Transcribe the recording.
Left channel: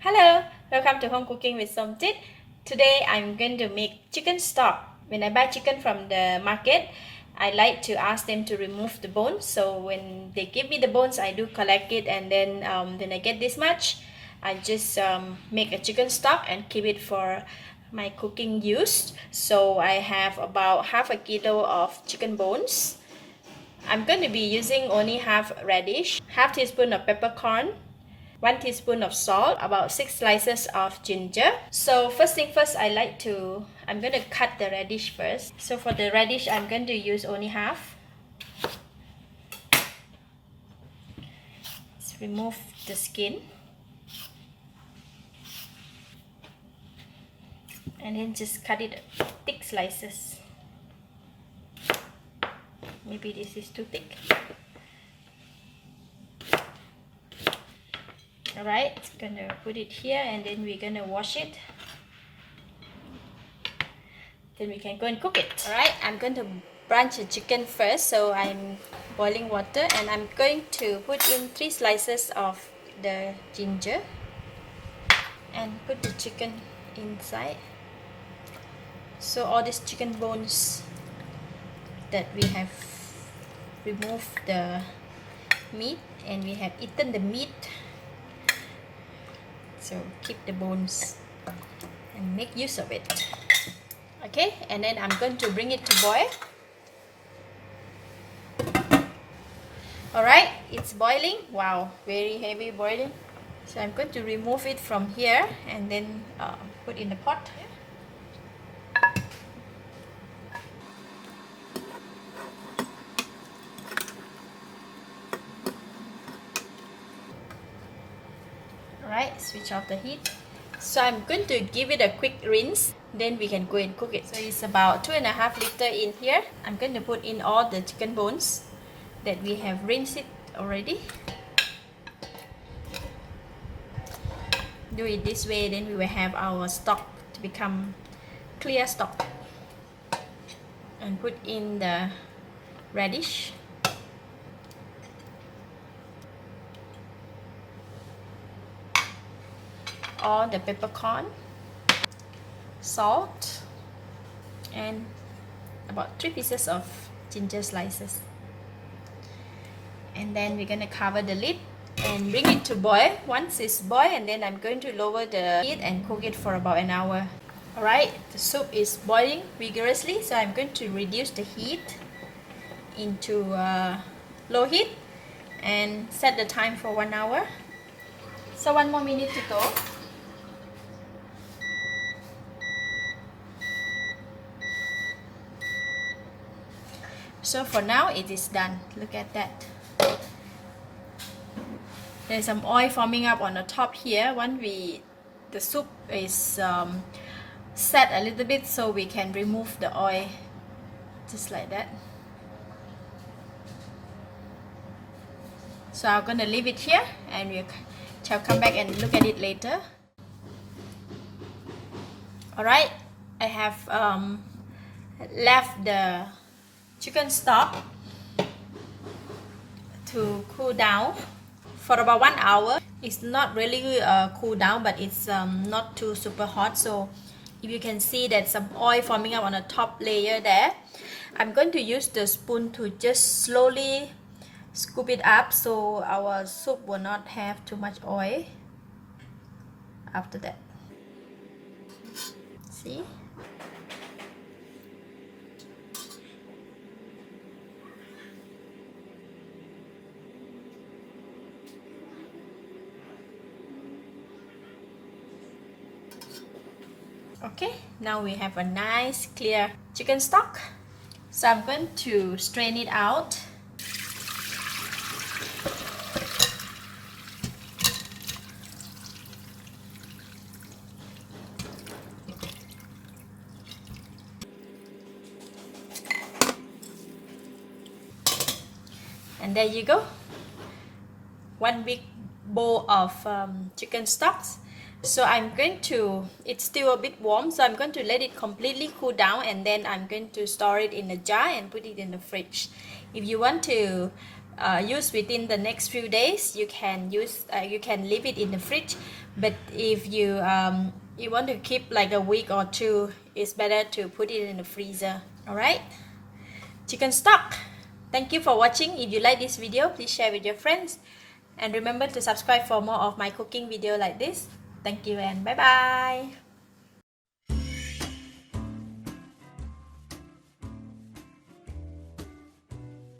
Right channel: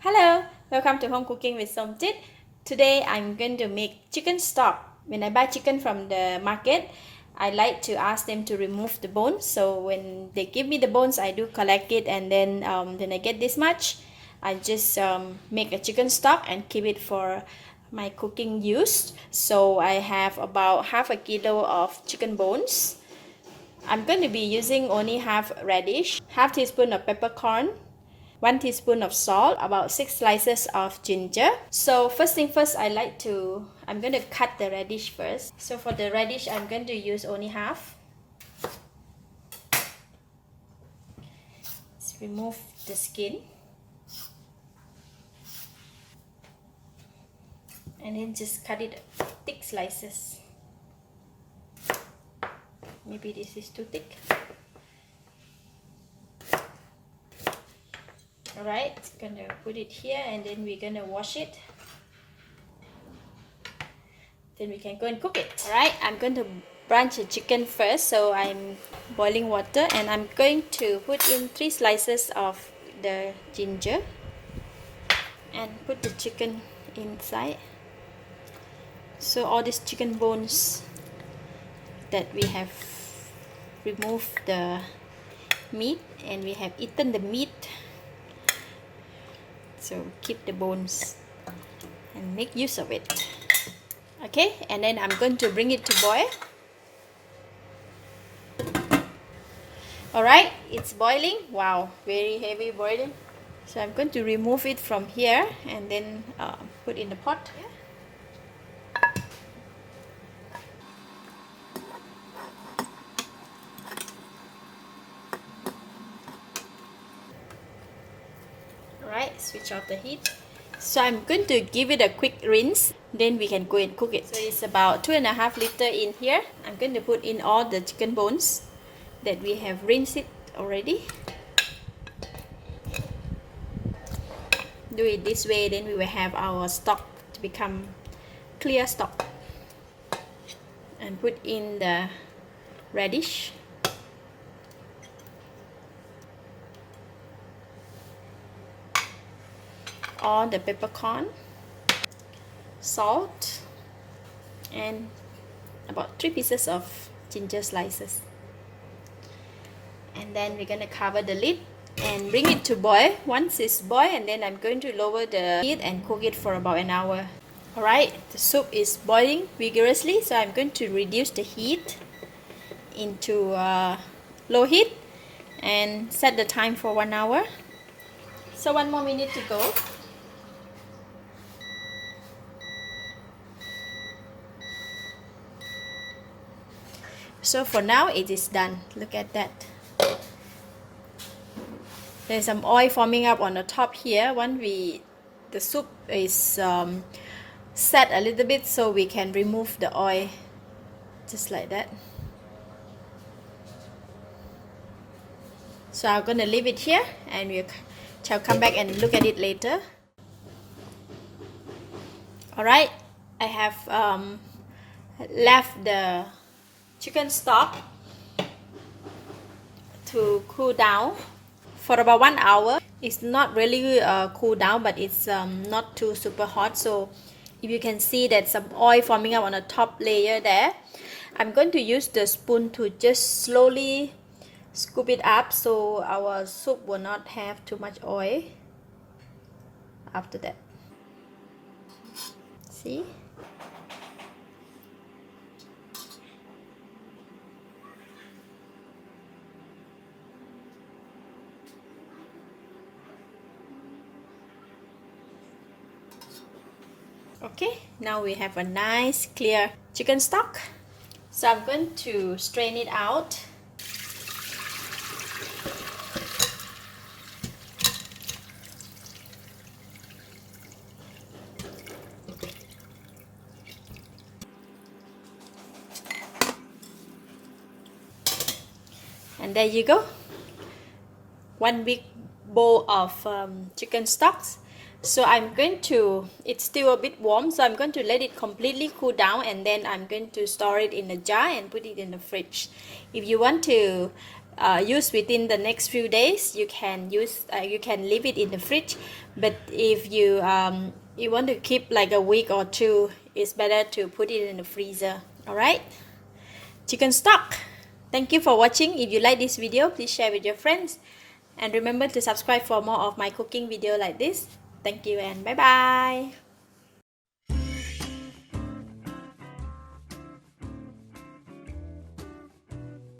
Hello, welcome to Home Cooking with Somjit. Today I'm going to make chicken stock. When I buy chicken from the market, I like to ask them to remove the bones. So when they give me the bones, I do collect it, and then when I get this much, I just make a chicken stock and keep it for my cooking use. So I have about half a kilo of chicken bones. I'm going to be using only half radish, half teaspoon of peppercorn, 1 teaspoon of salt, about 6 slices of ginger. So first thing first, I'm going to cut the radish first. So for the radish, I'm going to use only half. Let's remove the skin. And then just cut it thick slices. Maybe this is too thick. Alright, gonna put it here, and then we're gonna wash it. Then we can go and cook it. Alright, I'm going to blanch the chicken first. So I'm boiling water, and I'm going to put in 3 slices of the ginger and put the chicken inside. So all these chicken bones that we have removed the meat, and we have eaten the meat. So keep the bones and make use of it. Okay, and then I'm going to bring it to boil. Alright, it's boiling. Wow, very heavy boiling. So I'm going to remove it from here and then put in the pot. Alright, switch off the heat. So I'm going to give it a quick rinse, then we can go and cook it. So it's about 2.5 liters in here. I'm going to put in all the chicken bones that we have rinsed it already. Do it this way, then we will have our stock to become clear stock. And put in the radish. All the peppercorn, salt, and about 3 pieces of ginger slices. And then we're going to cover the lid and bring it to boil. Once it's boiled, and then I'm going to lower the heat and cook it for about an hour. Alright, the soup is boiling vigorously, so I'm going to reduce the heat into low heat and set the time for 1 hour. So 1 more minute to go. So for now it is done. Look at that. There's some oil forming up on the top here. The soup is set a little bit, so we can remove the oil just like that. So I'm gonna leave it here, and we shall come back and look at it later. Alright, I have left the chicken stock to cool down for about 1 hour. It's not really cool down, but it's not too super hot. So if you can see that some oil forming up on the top layer there, I'm going to use the spoon to just slowly scoop it up so our soup will not have too much oil after that. See? Okay, now we have a nice clear chicken stock. So I'm going to strain it out. And there you go. 1 big bowl of chicken stocks. So it's still a bit warm, so I'm going to let it completely cool down, and then I'm going to store it in a jar and put it in the fridge. If you want to use within the next few days, you can leave it in the fridge. But if you you want to keep like a week or two, it's better to put it in the freezer. All right, chicken stock. Thank you for watching. If you like this video, please share with your friends, and remember to subscribe for more of my cooking video like this. Thank you and bye bye.